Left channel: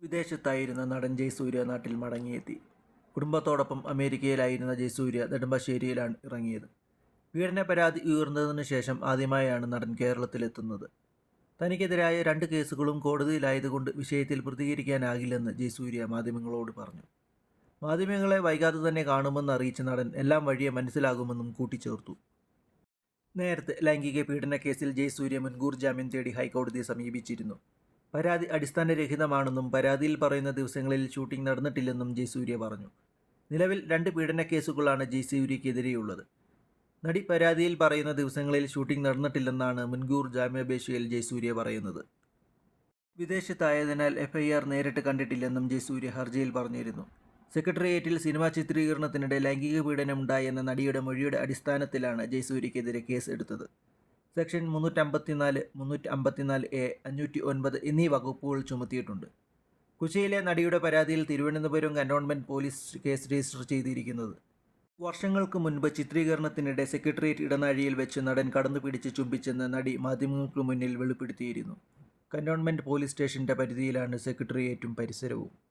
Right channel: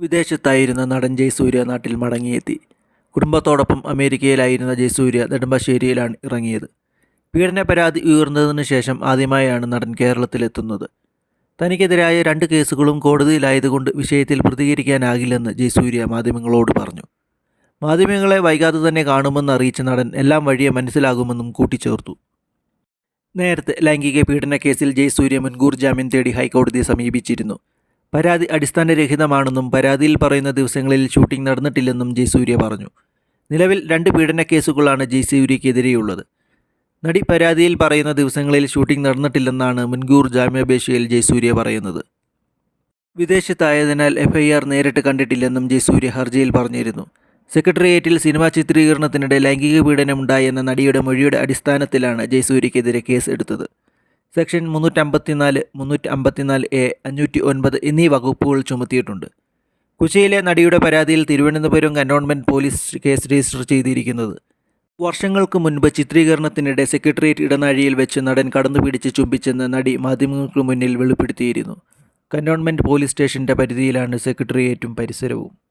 വിദേശത്തായിരുന്ന നടൻ ജയസൂര്യ നാട്ടിൽ മടങ്ങിയെത്തി. കുടുംബത്തോടൊപ്പം അമേരിക്കയിലായിരുന്ന ജയസൂര്യ നെടുമ്പാശ്ശേരിയിലാണ് ഇറങ്ങിയത്. പീഡന പരാതി ഉയർന്നതിന് ശേഷം ആദ്യമായാണ് നടൻ കേരളത്തിലെത്തുന്നത്. തനിക്കെതിരായ രണ്ട് കേസുകളും കോടതിയിലായതുകൊണ്ട് വിഷയത്തിൽ പ്രതികരിക്കാനാകില്ലെന്ന് ജയസൂര്യ മാധ്യമങ്ങളോട് പറഞ്ഞു. മാധ്യമങ്ങളെ വൈകാതെ തന്നെ കാണുമെന്ന് അറിയിച്ച നടൻ എല്ലാം വഴിയെ മനസ്സിലാകുമെന്നും കൂട്ടിച്ചേർത്തു. നേരത്തെ ലൈംഗിക പീഡന കേസിൽ ജയസൂര്യ മുൻകൂർ ജാമ്യം തേടി ഹൈക്കോടതിയെ സമീപിച്ചിരുന്നു. പരാതി അടിസ്ഥാനരഹിതമാണെന്നും പരാതിയിൽ പറയുന്ന ദിവസങ്ങളിൽ ഷൂട്ടിംഗ് നടന്നിട്ടില്ലെന്നും ജയസൂര്യ പറഞ്ഞു. നിലവിൽ രണ്ട് പീഡന കേസുകളാണ് ജയസൂര്യക്കെതിരെയുള്ളത് നടി പരാതിയിൽ പറയുന്ന ദിവസങ്ങളിൽ ഷൂട്ടിംഗ് നടന്നിട്ടില്ലെന്നാണ് മുൻകൂർ ജാമ്യാപേക്ഷയിൽ ജയസൂര്യ പറയുന്നത്. വിദേശത്തായതിനാൽ എഫ്ഐആർ നേരിട്ട് കണ്ടിട്ടില്ലെന്നും ജയസൂര്യ ഹർജിയിൽ പറഞ്ഞിരുന്നു. സെക്രട്ടേറിയറ്റിൽ സിനിമാ ചിത്രീകരണത്തിനിടെ ലൈംഗിക പീഡനമുണ്ടായെന്ന നടിയുടെ മൊഴിയുടെ അടിസ്ഥാനത്തിലാണ് ജയസൂര്യക്കെതിരെ കേസ് എടുത്തത്. സെക്ഷൻ മുന്നൂറ്റമ്പത്തിനാല് മുന്നൂറ്റി അമ്പത്തിനാല് എ അഞ്ഞൂറ്റി ഒൻപത് എന്നീ വകുപ്പുകൾ ചുമത്തിയിട്ടുണ്ട്. കുശിയിലെ നടിയുടെ പരാതിയിൽ Thiruvananthapuram cantonment police case register ചെയ്തിരിക്കുന്നത്. വർഷങ്ങൾക്ക് മുൻപ് ചിത്രീകരണത്തിനിടെ സെക്രട്ടേറിയറ്റ് ഇടനാഴിയിൽ വെച്ച് നടൻ കടന്നു പിടിച്ച് ചുംബിച്ചെന്ന് നടി മാധ്യമങ്ങൾക്ക് മുന്നിൽ വെളിപ്പെടുത്തിയിരുന്നു. കന്റോൺമെന്റ് പോലീസ് സ്റ്റേഷന്റെ പരിധിയിലാണ് സെക്രട്ടേറിയറ്റും പരിസരവും.